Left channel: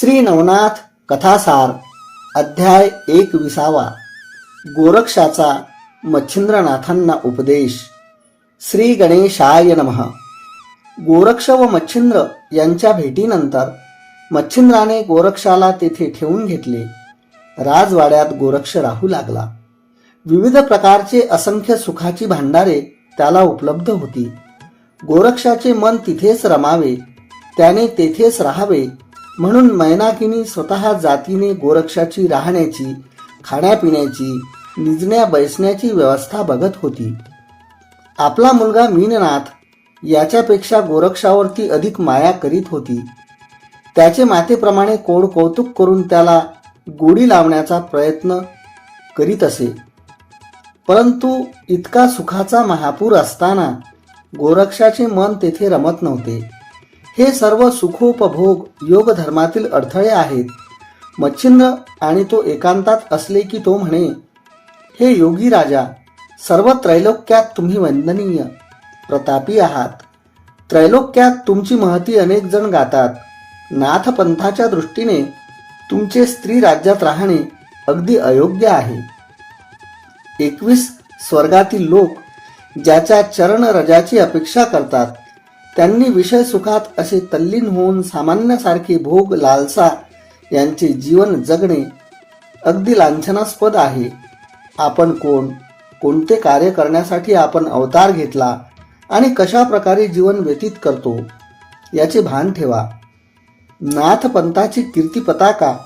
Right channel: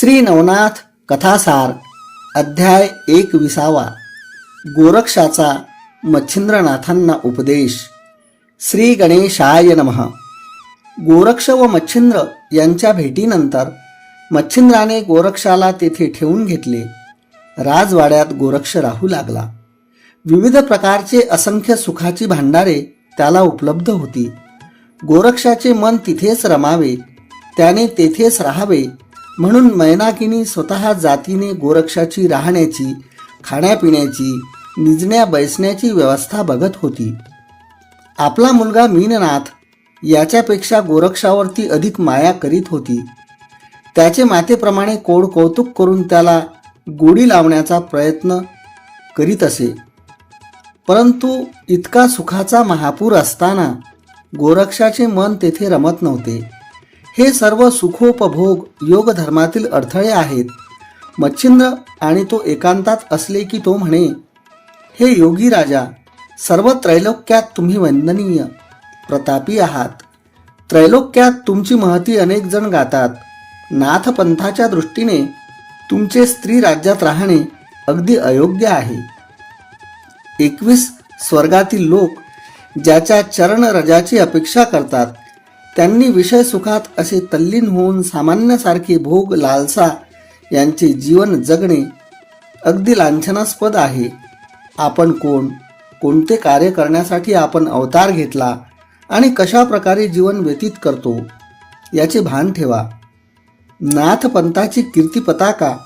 श्री नवनाथ कथासार अध्याय एक विसावा गोरक्षाचा मच्छिंद्रनाथांना उपदेश. श्री गणेशाय नमः. गोरक्ष व मच्छिंद्र यांच्या भेटीनंतर मच्छिंद्राने गोरक्षाला तेथे ठेवून घेतले. राजवाड्यात गोरक्ष राहू लागला. विविध प्रकारचे असंख्य सुखाची भांडारे त्याला उपलब्ध होती. गोरक्षाचे मन तिथेच रमावे त्याने तेथेच राहावे म्हणून मैनाकिनी स्वतः जातीने गोरक्षाची राहण्याची खाण्यापिण्याची निजण्या बैसण्याची व्यवस्था बघत होती. आपला मुलगा मीननाथ याच्यापेक्षा गोरक्षावरती अधिक माया करीत होती. त्याचे मातेप्रमाणे कोड कौतुक करून त्याला गोडी लावण्याचा प्रयत्न करीत असे. परंतु इतका सुखाचा महापूर असताना गोरक्षाचे मन तेथे रमत नव्हते. हे सर्व सुखोपभोग योग धर्मातील अडथळे आहेत. मच्छिंद्र आणि तो एकांतात असले की तो म्हणे हे योगी राजा सर्व त्रैलोक्यात तुम्ही वंदनीय प्रतापी आहात. त्रैलोक्यात तुमची महती अनेक जण गातात. नाथपंथाच्या दृष्टीने तुमचे स्त्री राज्यात राहणे अगदी अयोग्य आहे. एकवीस स्वर्गातील लोक ज्याच्या चरण रजाची अपेक्षा करतात त्यांनी विषय सुखात असे तल्लीन होऊन सामान्यासारखे भोग लालसा यांचे जीवन जगणे अगदी लांछनास्पद आहे. आपण कोण? कोणते कार्य करण्यासाठी आपण अवतार घेतला आणि कशा प्रकारे जीवन व्यतीत करतो? याचे भान ठेवा. नाथपंथाची कीर्ती पताका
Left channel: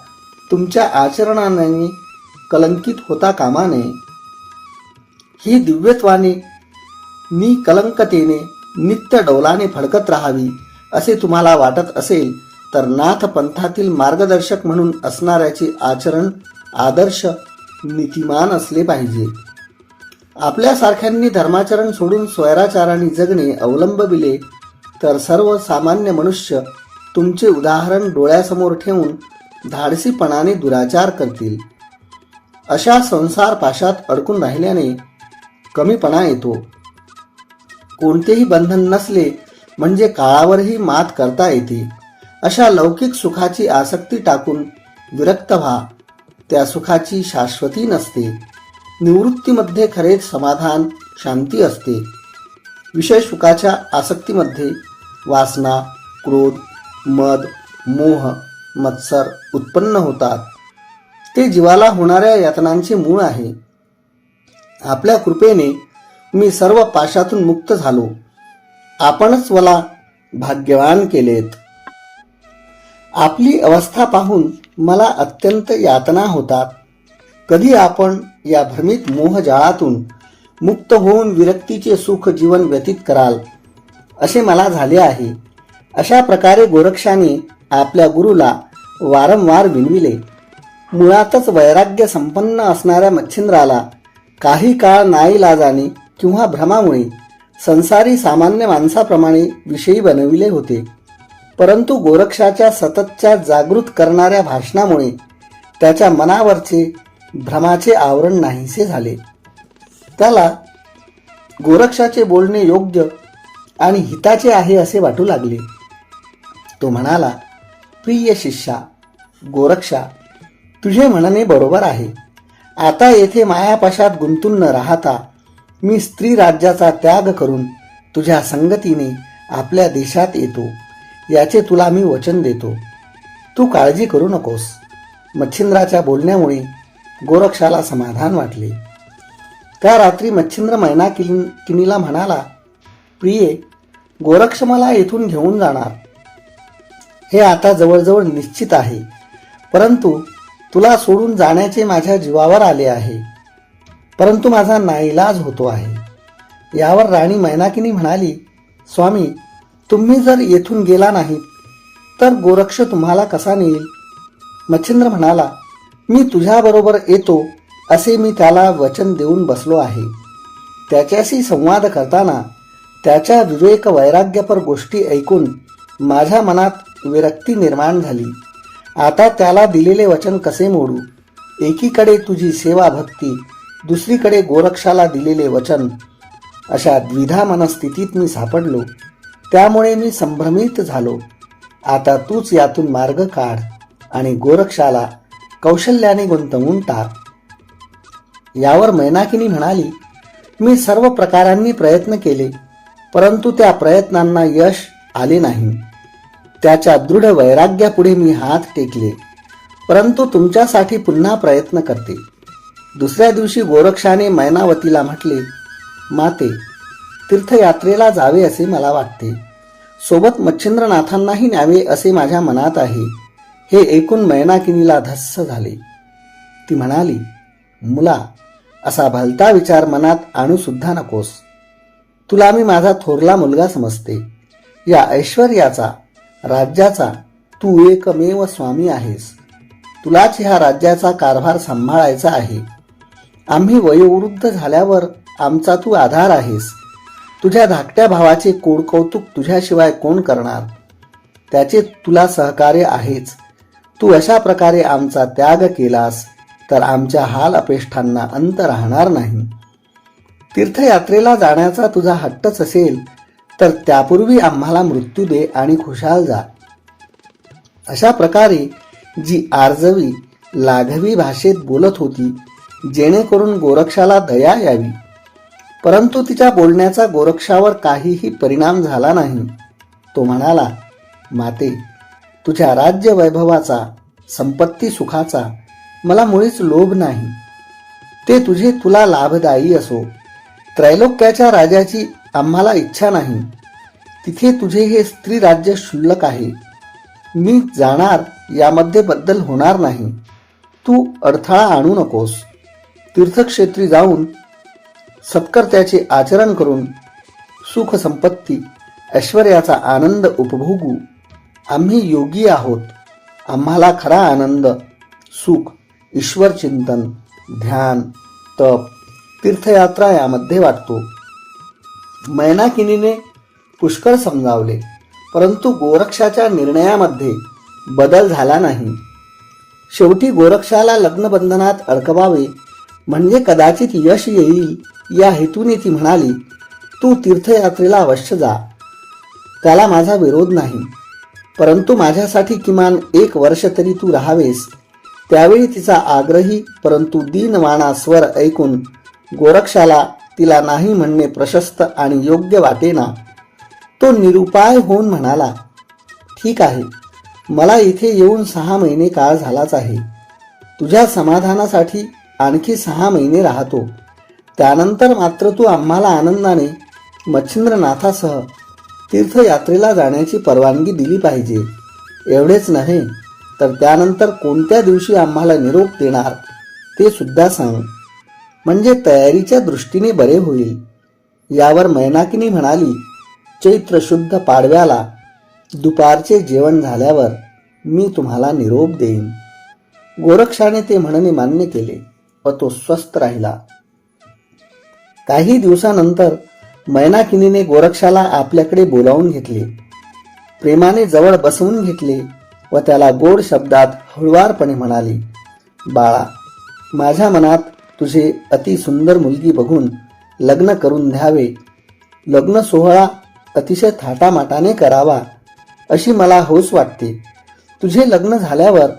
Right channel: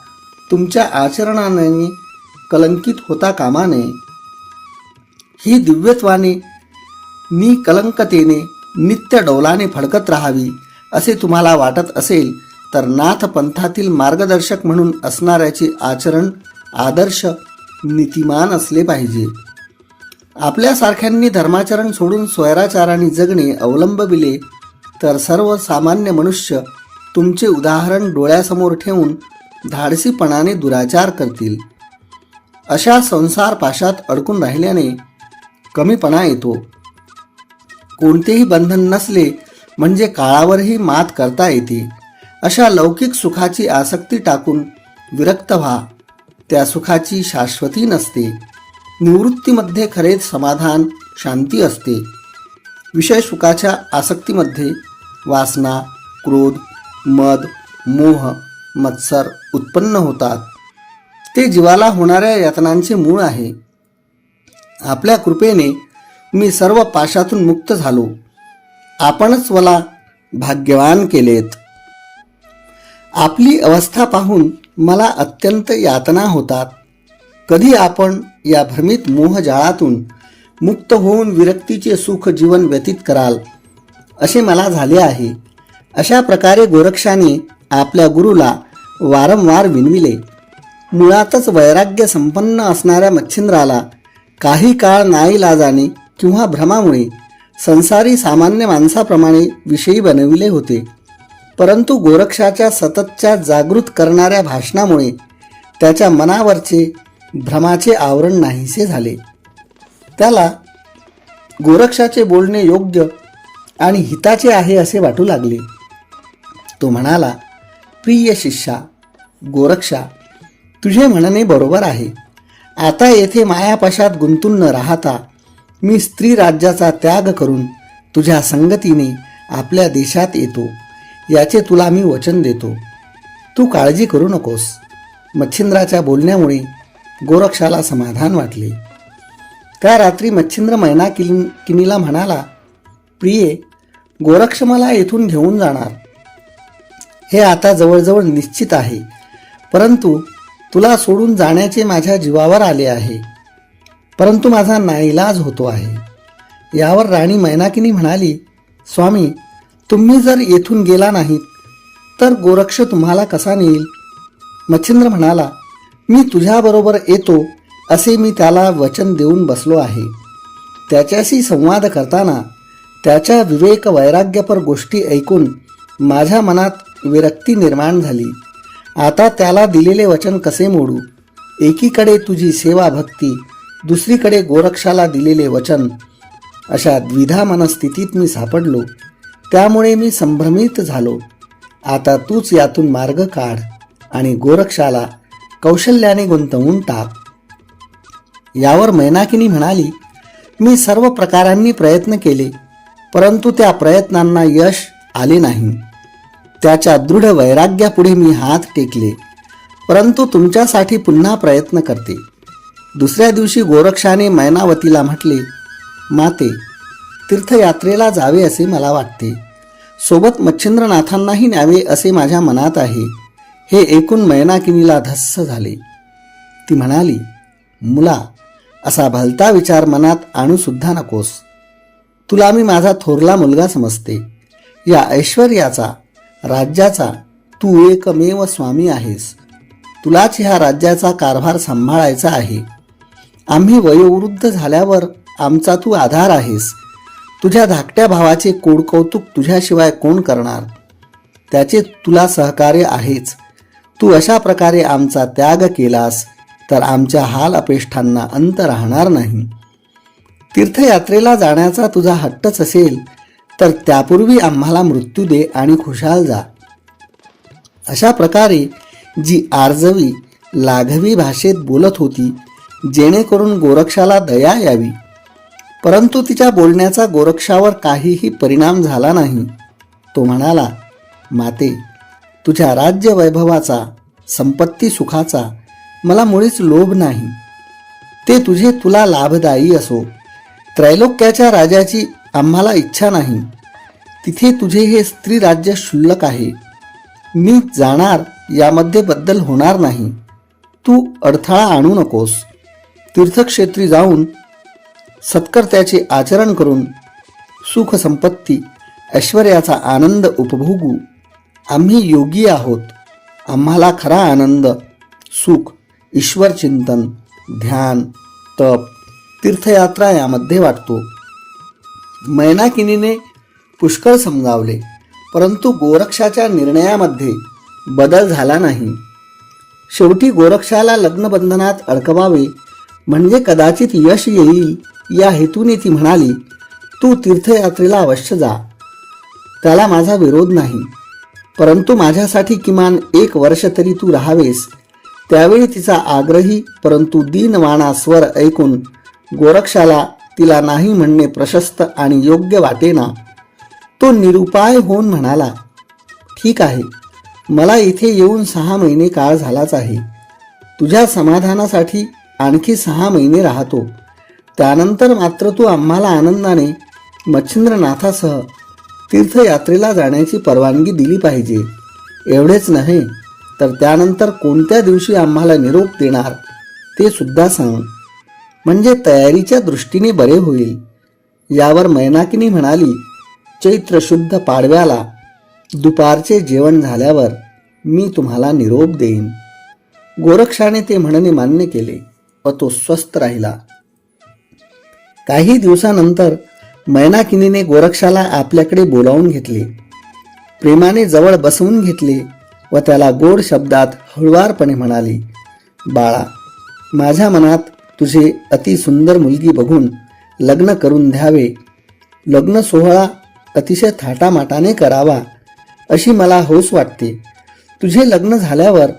तुमच्या आचरणाने कलंकित होता कामा नये. ही दिव्यत्वाने निकलंकतेने नित्य डौलाने फडकत राहावी असे तुम्हाला वाटत असेल तर नाथ पंथातील मार्गदर्शक म्हणून असणाऱ्याचे आचरण आदर्श नीतिमान असले पाहिजे. आपल्यासारख्यांनी धर्माचरण सोडून स्वैराचाराने जगणे अवलंबविले तर सर्वसामान्य मनुष्य तुमचे उदाहरण डोळ्यासमोर ठेवून धाडसीपणाने दुराचार करतील. अशा संसार पाशात अडकून राहिल्याने कमीपणा येतो. कोणतेही बंधन नसले म्हणजे काळावरही मात करता येते. अशा लौकिक सुखाची आसक्ती टाकून विरक्त व्हा. त्या सुखाची शाश्वती नसते. निवृत्तीमध्ये खरेच समाधान शांती असते. विषय सुखाच्या आसक्तीमध्ये वासना क्रोध मद मोह मत्सर उत्पन्न होतात. ते जीवाला होणाऱ्या यातनांचे मूळ आहे. आपल्या कृपेने मी सर्व पाशातून मुक्त झालो. आपणच मला भाग्यवान केलेत. आपली अवस्था पाहून मला अत्यंत यातना होतात. कधी आपण या भ्रमित मोहजाळातून मुक्त होऊन विरक्तीचे सुख जीवन व्यतीत कराल असे मला झाले आहे. अशा प्रकारे गोरक्षाने आपल्या गुरुला वारंवार विनविले. मुळातच वैराग्य संपन्न असणाऱ्या मच्छिंद्राला काही काळ नाईलाजाने किंवा भ्रमामुळे संसारी सामान्य माणसाप्रमाणे विषयी बनविले होते. परंतु गोरक्षाच्या सततच्या जागृत करणाऱ्या भाषणामुळे त्याच्या मनावरचे भ्रमाचे आवरण नाहीसे झाले. त्याला गोरक्षाचे बोलणे योग्य आणि हिताचे आहे असे वाटू लागले. तो म्हणाला प्रिय शिष्या गोरक्षा तुझे म्हणणे बरोबर आहे. आता येथे मायापाशात गुंतून न राहता मी स्त्री राज्याचा त्याग करून तुझ्या संगतीने आपल्या देशात येतो. याचे तुला मी वचन देतो. तू काळजी करू नकोस. मच्छिंद्राच्या बोलण्यामुळे गोरक्षाला समाधान वाटले. त्या रात्री मच्छिंद्र मैना किन किनीला म्हणाला प्रिये गोरक्ष मला येथून घेऊन जाणार. हे आता जवळजवळ निश्चित आहे परंतु तुला सोडून जाण्याचे माझ्या जीवावर आले आहे. परंतु माझा नाईलाज होतो आहे. यावर राणी मैनाकिनी म्हणाली स्वामी तुम्ही जर येथून गेला नाहीत तर गोरक्ष तुम्हाला कसा नेईल? मच्छिंद्र म्हणाला मी तुझ्याबरोबर येतो असे मी त्याला वचन देऊन बसलो आहे. त्याच्याशी संवाद करताना त्याच्या विवेक वैराग्यपर गोष्टी ऐकून माझ्या मनात विरक्ती निर्माण झाली. आता त्याला दिलेले वचन कसे मोडू? एकीकडे तुझी सेवा भक्ती दुसरीकडे गोरक्षाला दिलेले वचन अशा द्विधा मनस्थितीत मी सापडलो. त्यामुळे मी संभ्रमित झालो. आता तूच यातून मार्ग काढ आणि गोरक्षाला कौशल्याने गुंतवून टाक. यावर मैनाकिनी म्हणाली मी सर्व प्रकारांनी प्रयत्न केले परंतु त्या प्रयत्नांना यश आले नाही. त्याच्या दृढ वैराग्यापुढे मी हात टेकले परंतु तुमच्यासाठी पुन्हा प्रयत्न करते. दुसऱ्या दिवशी गोरक्षाने मैनावतीला म्हटले माते तीर्थयात्रेला जावे असे मला वाटते. सोबत मच्छिंद्रनाथांनाही न्यावे असे माझ्या मनात आहे. हे ऐकून मैनाकिनीला धस्स झाले. ती म्हणाली मुला असा भलता विचार मनात आणूसुद्धा नकोस. तुला मी माझा थोरला मुलगा समजते. या ऐश्वर्याचा राज्याचा तू एकमेव स्वामी आहेस. तुलाच ह्या राज्याचा कारभार सांभाळायचा आहे. आम्ही वयोवृद्ध झाल्यावर आमचा तू आधार आहेस. तुझ्या धाकट्या भावाचे कोड कौतुक तुझ्याशिवाय कोण करणार? त्याचे तुला सहकार्य आहेच. तू अशा प्रकारे आमचा त्याग केलास तर आमच्या हाल अपेष्टांना अंत राहणार नाही. तीर्थयात्रेला जाण्याचा तुझा हट्टच असेल तर त्यापूर्वी आम्हाला मृत्यू दे आणि खुशाल जा. अशा प्रकारे जी आर्जवी लाघवी भाषेत बोलत होती जेणेकरून गोरक्षाला दया यावी. परंतु तिच्या बोलण्याचा गोरक्षावर काहीही परिणाम झाला नाही. तो म्हणाला माते तुझ्या राज्य वैभवाचा संपत्ती सुखाचा मला मुळीच लोभ नाही. ते तुझे तुला लाभदायी असो. त्रैलोक्याच्या राजाची आम्हाला इच्छा नाही. तिथे तुझे हे स्त्री राज्य क्षुल्लक आहे. मी जाणार यामध्ये बद्दल होणार नाही. तू अडथळा आणू नकोस. तीर्थक्षेत्री जाऊन सत्कर्त्याचे आचरण करून सुख संपत्ती ऐश्वर्याचा आनंद उपभोगू. आम्ही योगी आहोत. आम्हाला खरा आनंद सुख ईश्वर चिंतन ध्यान तप तीर्थयात्रा यामध्ये वाटतो. मैनाकिनीने पुष्कळ समजावले परंतु गोरक्षाच्या निर्णयामध्ये बदल झाला नाही. शेवटी गोरक्षाला लग्नबंधनात अडकवावे म्हणजे कदाचित यश येईल या हेतूने ती म्हणाली तू तीर्थयात्रेला अवश्य जा. त्याला माझा विरोध नाही. परंतु माझ्यासाठी किमान एक वर्ष तरी तू राहावेस. त्यावेळी तिचा आग्रही परंतु दीनवाणा स्वर ऐकून गोरक्षाला तिला नाही म्हणणे प्रशस्त आणि योग्य वाटेना. तो निरुपाय होऊन म्हणाला ठीक आहे. मला इथे येऊन सहा महिने काळ झालाच आहे. तुझ्या समाधानासाठी आणखी सहा महिने राहतो. त्यानंतर मात्र तू आम्हाला आनंदाने मच्छिंद्रनाथासह तीर्थयात्रेला जाण्याची परवानगी दिली पाहिजे. एवढेच नव्हे तर त्यानंतर कोणत्या दिवशी आम्हाला निरोप देणार ते सुद्धा सांग. म्हणजे तयारीच्या दृष्टीने बरे होईल. यावर मैनाकिनी म्हणाली चैत्र शुद्ध पाडव्याला दुपारचे जेवण झाल्यावर मी तुम्हाला निरोप देईन. गोरक्षाने ते म्हणणे मान्य केले. व तो स्वस्थ राहिला. काही दिवसानंतर मैनाकिनीने गोरक्षाला आपल्याकडे बोलावून घेतले. प्रेमाने जवळ बसवून घेतले व त्याला गोड शब्दात हळुवारपणे म्हणाली बाळा माझ्या मनात तुझे अति सुंदर मुलगी बघून लग्न करून द्यावे. लग्न सोहळा अतिशय थाटामाटाने करावा अशी मला हौस वाटते. तुझे लग्न झाल्यावर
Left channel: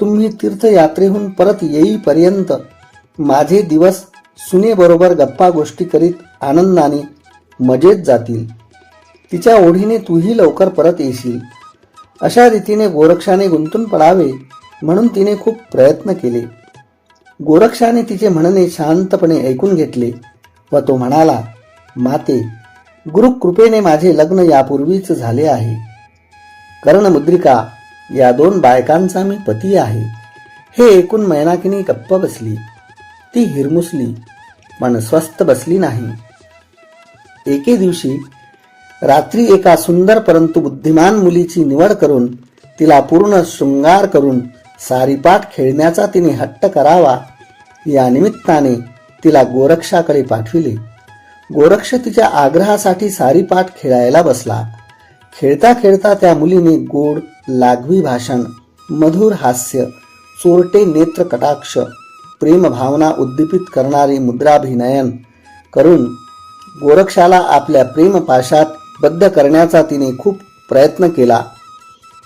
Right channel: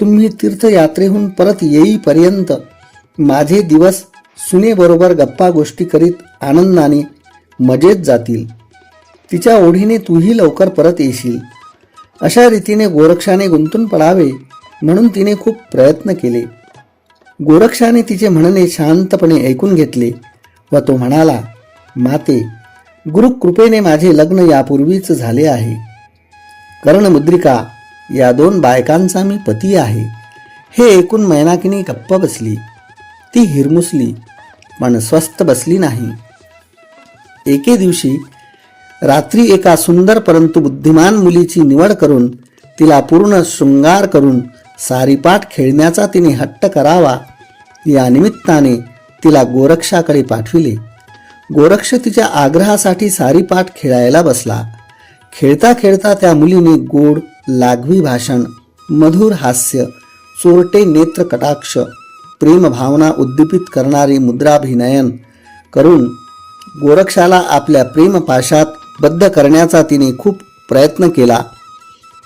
तुम्ही तीर्थयात्रेहून परत येईपर्यंत माझे दिवस सुनेबरोबर गप्पा गोष्टी करीत आनंदाने मजेत जातील. तिच्या ओढीने तूही लवकर परत येशील. अशा रीतीने गोरक्षाने गुंतून पडावे म्हणून तिने खूप प्रयत्न केले. गोरक्षाने तिचे म्हणणे शांतपणे ऐकून घेतले व तो म्हणाला माते गुरुकृपेने माझे लग्न यापूर्वीच झाले आहे. कर्णमुद्रिका या दोन बायकांचा मी पती आहे. हे ऐकून मैनाकिनी गप्प बसली. ती हिरमुसली पण स्वस्थ बसली नाही. एके दिवशी रात्री एका सुंदर परंतु बुद्धिमान मुलीची निवड करून तिला पूर्ण शृंगार करून सारीपाठ खेळण्याचा तिने हट्ट करावा या निमित्ताने तिला गोरक्षाकडे पाठविले. गोरक्ष तिच्या आग्रहासाठी सारीपाठ खेळायला बसला. खेळता खेळता त्या मुलीने गोड लागवी भाषण मधुर हास्य चोरटे नेत्र कटाक्ष प्रेमभावना उद्दीपित करणारी मुद्राभिनयन करून गोरक्षाला आपल्या प्रेमपाशात बद्ध करण्याचा तिने खूप प्रयत्न केला.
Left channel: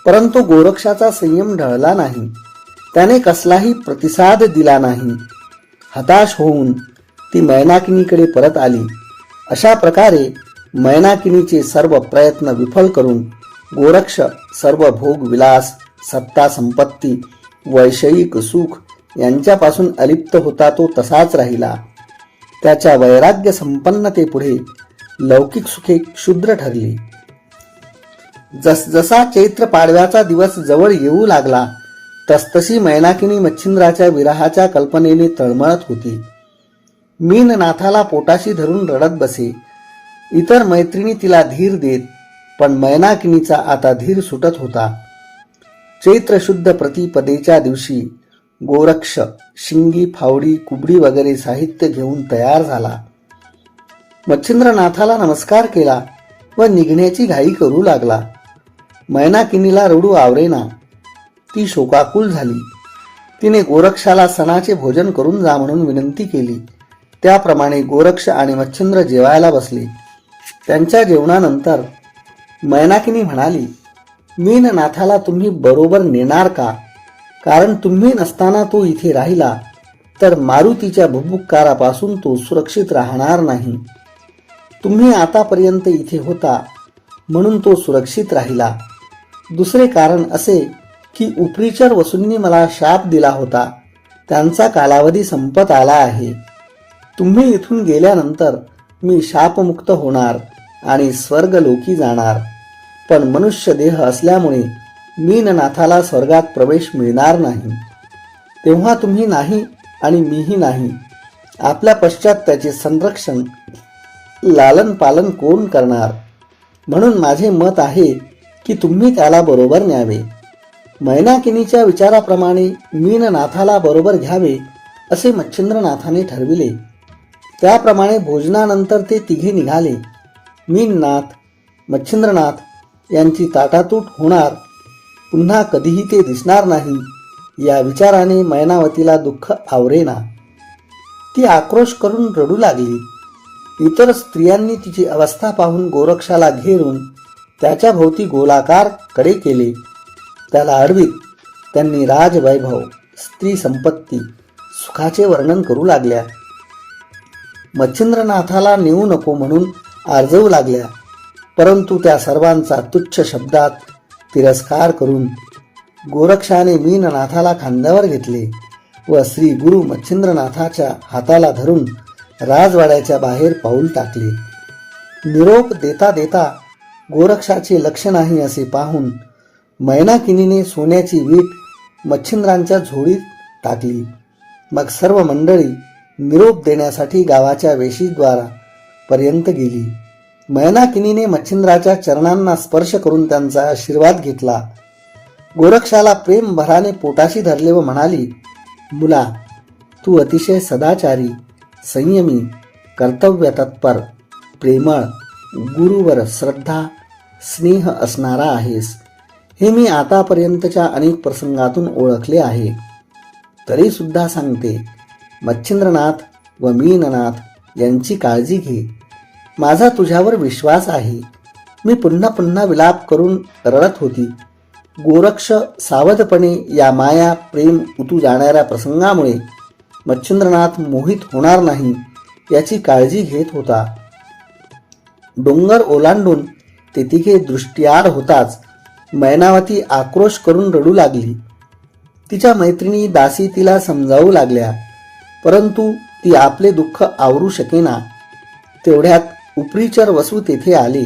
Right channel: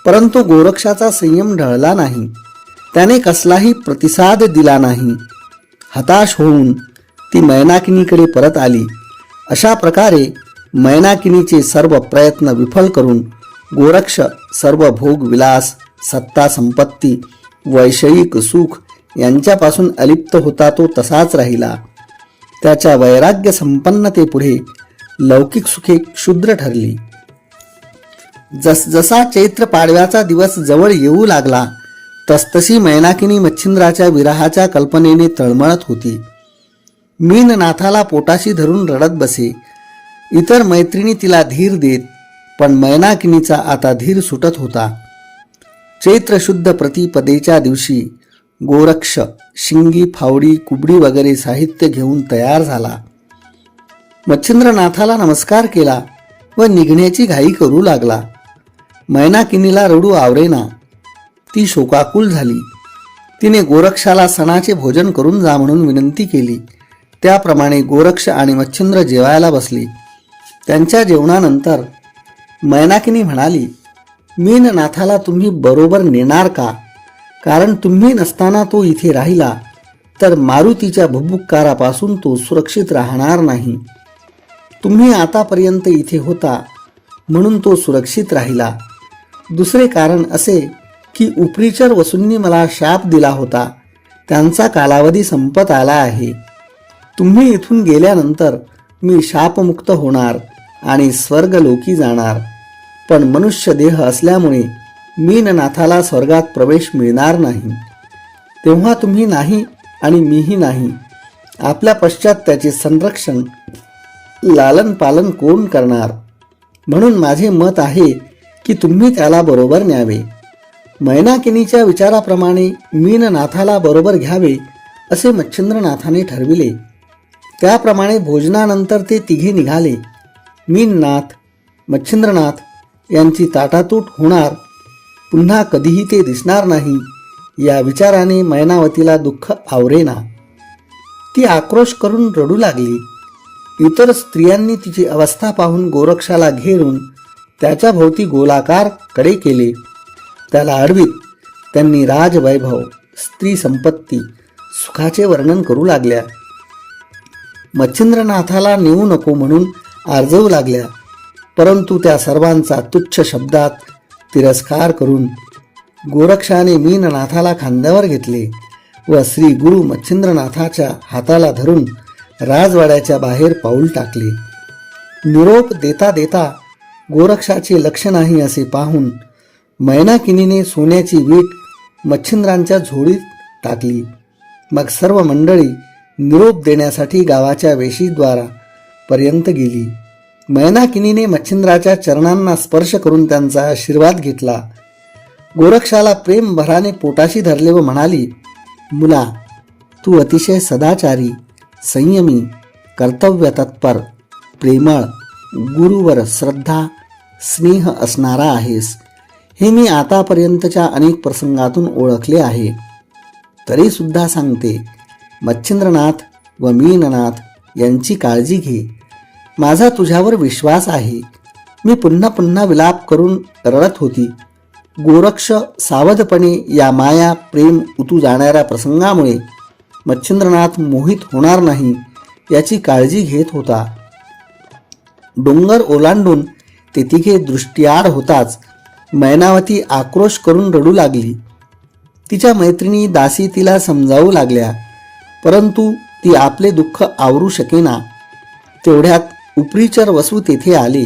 परंतु गोरक्षाचा संयम ढळला नाही. त्याने कसलाही प्रतिसाद दिला नाही. हताश होऊन ती मैनाकिनीकडे परत आली. अशा प्रकारे मैनाकिनीचे सर्व प्रयत्न विफल करून गोरक्ष सर्व भोग विलास सत्ता संपत्ती वैषयिक सुख यांच्यापासून अलिप्त होता तो तसाच राहिला. त्याच्या वैराग्य संपन्नतेपुढे लौकिक सुखे क्षुद्र ठरली. जसजसा चैत्र पाडव्याचा दिवस जवळ येऊ लागला तसतशी मैनाकिनी मच्छिंद्राच्या विराहाच्या कल्पनेने तळमळत होती. मीननाथाला पोटाशी धरून रडत बसे. इतर मैत्रिणी तिला धीर देत पण मैनाकिनीचा आता धीर सुटत होता. चैत्र शुद्ध प्रतिपदेच्या दिवशी गोरक्ष शिंगी फावडी कुबडी वगैरे साहित्य घेऊन तयार झाला. मच्छिंद्रनाथाला नमस्कार केला व निघण्याची घाई करू लागला. मैनाकिनीला रडू आवरेना ती शोकाकुल झाली. तिने गोरक्षाला सणाचे भोजन करून जा म्हणून विनंती केली. त्याप्रमाणे गोरक्ष आणि मच्छिंद्र जेवायला बसली. त्यांच्या जेवणानंतर मैनाकिनी म्हणाली मीननाथाला तुम्ही बरोबर नेणार का? कारण तुम्ही नसताना तो इथे राहिला तर मारुतीच्या भुभुक्कारापासून तो सुरक्षित राहणार नाही. तुम्ही आतापर्यंत इथे होता म्हणून तो सुरक्षित राहिला. दुसरे कारण असे की उपरीचर वसूंनी मला शाप दिला होता. त्यांचा कालावधी संपत आला आहे. तुम्ही इथून गेल्यानंतर मी शापमुक्त होणार आणि स्वर्गलोकी जाणार. पण मनुष्य देह असल्यामुळे मीननाथाला स्वर्गात प्रवेश मिळणार नाही. तेव्हा तुम्ही नाही आणि मीही नाही. आपल्या पश्चात त्याचे संरक्षण लालन पालन कोण करणार? म्हणून माझे मत आहे की तुम्ही त्याला बरोबर न्यावे. मैनाकिनीच्या विचाराप्रमाणे मीननाथाला बरोबर घ्यावे असे मच्छिंद्रनाथाने ठरविले. त्याप्रमाणे भोजनानंतर ते तिघे निघाले. मीननाथ मच्छिंद्रनाथ यांची ताटातूट होणार पुन्हा कधीही ते दिसणार नाही या विचाराने मैनावतीला दुःख आवरेना. ती आक्रोश करून रडू लागली. इतर स्त्रियांनी तिची अवस्था पाहून गोरक्षाला घेरून त्याच्या भोवती गोलाकारकडे केले. त्याला अडवीत त्यांनी राजवैभव स्त्री संपत्ती सुखाचे वर्णन करू लागल्या. मच्छिंद्रनाथाला नेऊ नको म्हणून आर्जवू लागल्या. परंतु त्या सर्वांचा तुच्छ शब्दात तिरस्कार करून गोरक्षाने मीननाथाला खांद्यावर घेतले व श्री गुरु मच्छिंद्रनाथाच्या हाताला धरून राजवाड्याच्या बाहेर पाऊल टाकले. निरोप देता देता गोरक्षाचे लक्ष नाही असे पाहून मैनाकिनीने सोन्याची वीट मच्छिंद्रांच्या झोडीत टाकली. मग सर्व मंडळी निरोप देण्यासाठी गावाच्या वेशीद्वारा पर्यंत गेली. मैनाकिनीने मच्छिंद्राच्या चरणांना स्पर्श करून त्यांचा आशीर्वाद घेतला. गोरक्षाला प्रेम भराने पोटाशी धरले व म्हणाली मुला तू अतिशय सदाचारी संयमी कर्तव्य तत्पर प्रेमळ गुरुवर श्रद्धा स्नेह असणारा आहेस. हे मी आतापर्यंतच्या अनेक प्रसंगातून ओळखले आहे. तरीसुद्धा सांगते मच्छिंद्रनाथ व मीननाथ यांची काळजी घे. माझा तुझ्यावर विश्वास आहे. मी पुन्हा पुन्हा विलाप करून रडत होती. गोरक्ष सावधपणे या माया प्रेम उतू जाणाऱ्या प्रसंगामुळे मच्छिंद्रनाथ मोहित होणार नाही याची काळजी घेत होता. डोंगर ओलांडून ते तिघे दृष्टीआड होताच मैनावती आक्रोश करून रडू लागली. तिच्या मैत्रिणी दासी तिला समजावू लागल्या परंतु ती आपले दुःख आवरू शकेना. तेवढ्यात उपरीचर वसू तेथे आले.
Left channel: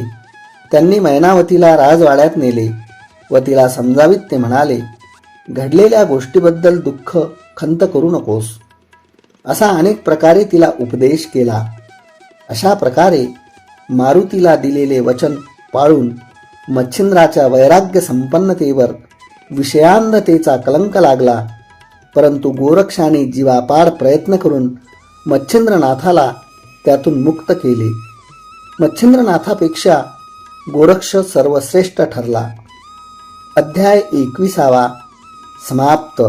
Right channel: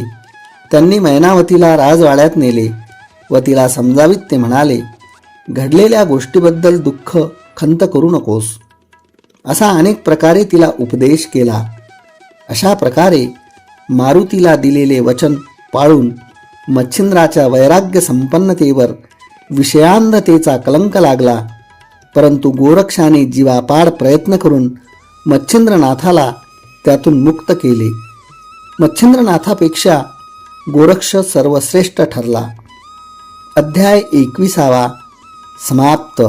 त्यांनी मैनावतीला राजवाड्यात नेले व तिला समजावीत ते म्हणाले घडलेल्या गोष्टीबद्दल दुःख खंत करू नकोस. असा अनेक प्रकारे तिला उपदेश केला. अशा प्रकारे मारुतीला दिलेले वचन पाळून मच्छिंद्राच्या वैराग्य संपन्नतेवर विषयांधतेचा कलंक लागला. परंतु गोरक्षाने जीवापाड प्रयत्न करून मच्छिंद्रनाथाला त्यातून मुक्त केले. मच्छिंद्रनाथापेक्षा गोरक्ष सर्वश्रेष्ठ ठरला. अध्याय एकविसावा समाप्त.